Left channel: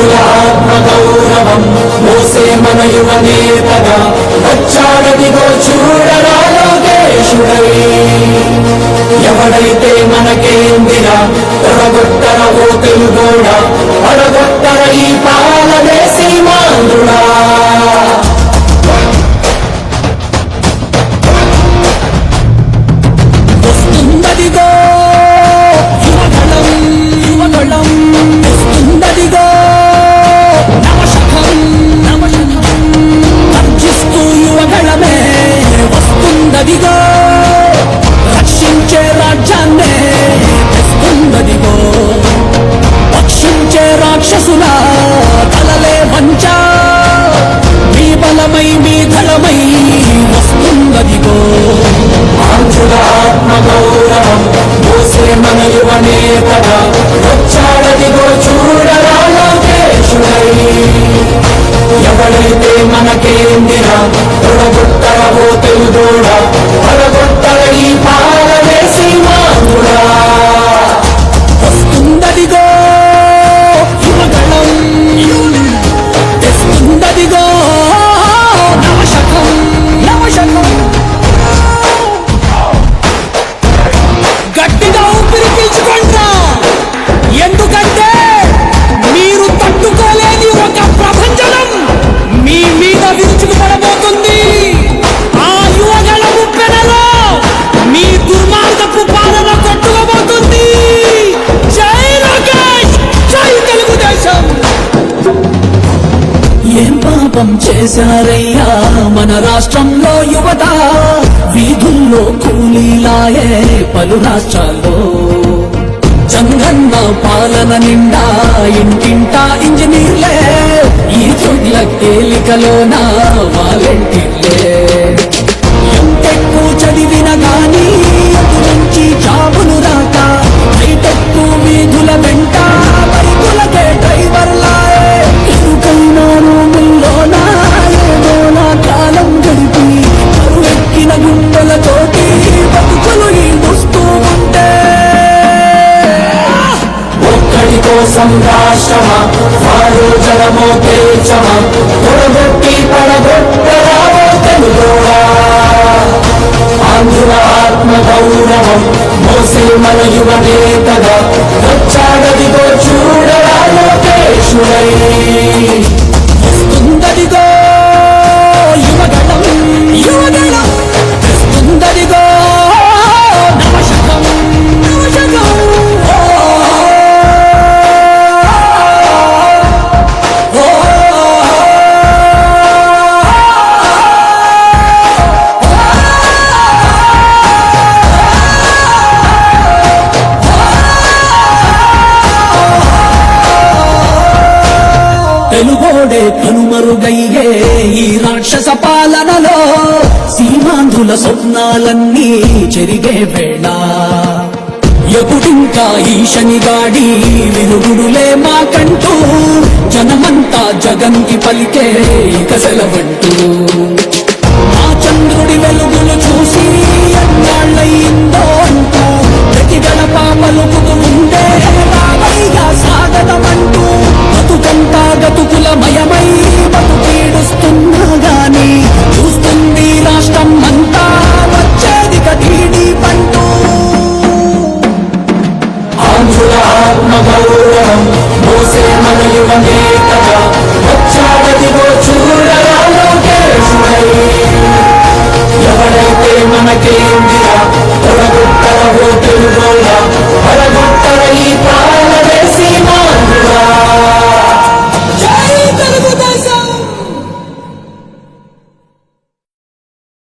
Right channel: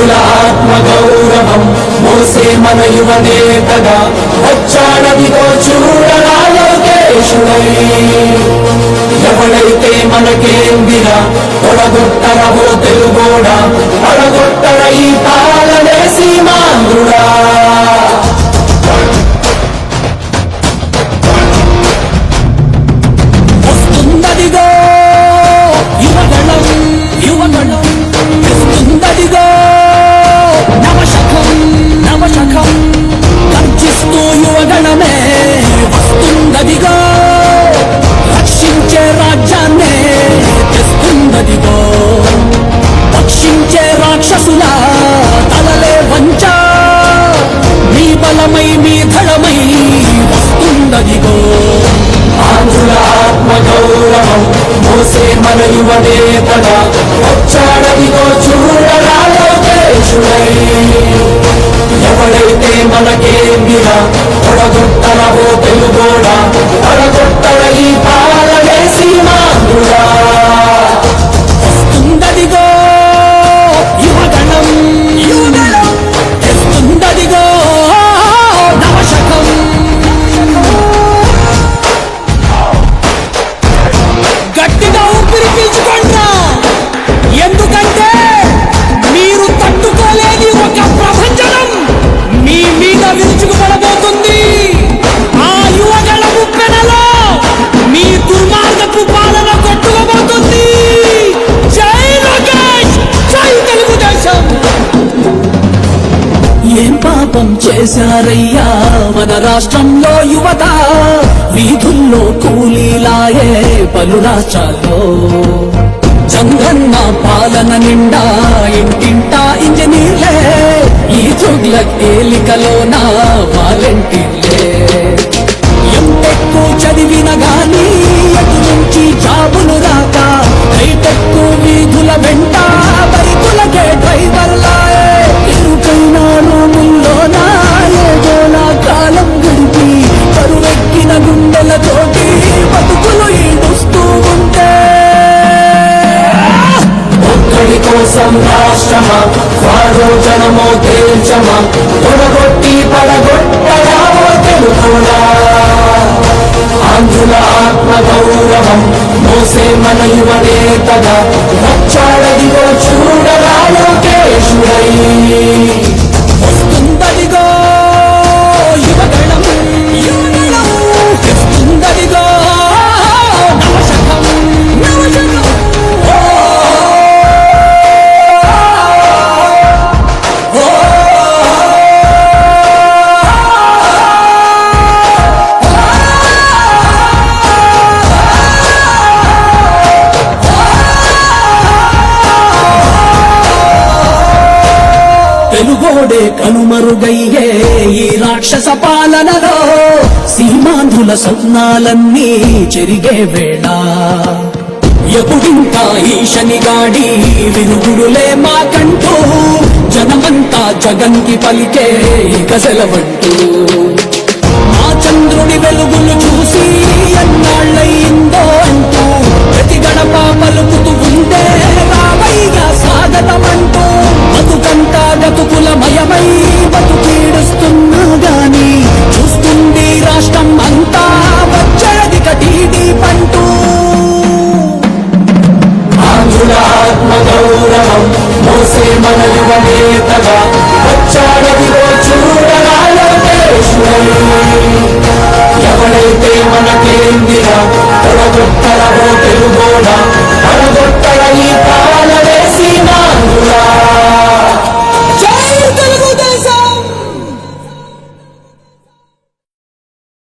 ఆంధ్రుల ఆత్మ గౌరవం మోసే మన యువ నేతగా వచ్చాడదిగో చూడరా లోకేశుడై. ఎవడైతే మనకేందిగా తొడగొట్టరవో తెలుగోడా తొడగొట్టర ఈ మన యువ నేతగా వచ్చాడదిగో చూడరా ఎవడైతే మనకేందినా తొడగొట్టరవో తెలుగోడా? తొడగొట్టర ఎందుకంటే మీరు తట్టుకోలేని ఒక ప్రభంజనం మీ మీద విరుచుకుపడబోతుంది. ఆ యువగల ముప్పెనలో మీ దుర్మార్గపు పాలన కొట్టుకోబోతుంది. జై లోకేష్! జై తెలుగుదేశం! ఏం పాపం చేశారయ్యా? మన రాష్ట్రంలో యువత వీధుల్లో కూలీలాయే పలు రాష్ట్రాల్లో. చంద్రన్న పాలన నిండా ఇంటింటా ఇంజనీర్లే. ఈ జుగ్ల తేలికలోన వాలంటీర్లే. ఎంతెక్కు చదివిన గానీ ఆంధ్రుల ఆత్మ గౌరవం మోసే మన యువ వచ్చా వెలుగోడే కనుమరుగయ్యే ఈ రాక్షస పాలనలో సీమాంధుల స్వప్నాలన్నీ చెరిగే వేళ. ఎప్పుడింకా ఈ శనిగాడి విరుగుడులే మాకంటూ జనమంతా జగంకి పలికే ఇక సెలవంటూ. ఆ చంద్రుడి వెలుగులు చూసి ఎన్నాళ్ళయిందో అంటూ ప్రతి గడప పలుకుతూ యోధులాత్మ గౌరవం మోసే మన యువ నేతగా వచ్చాడదిలో చూడ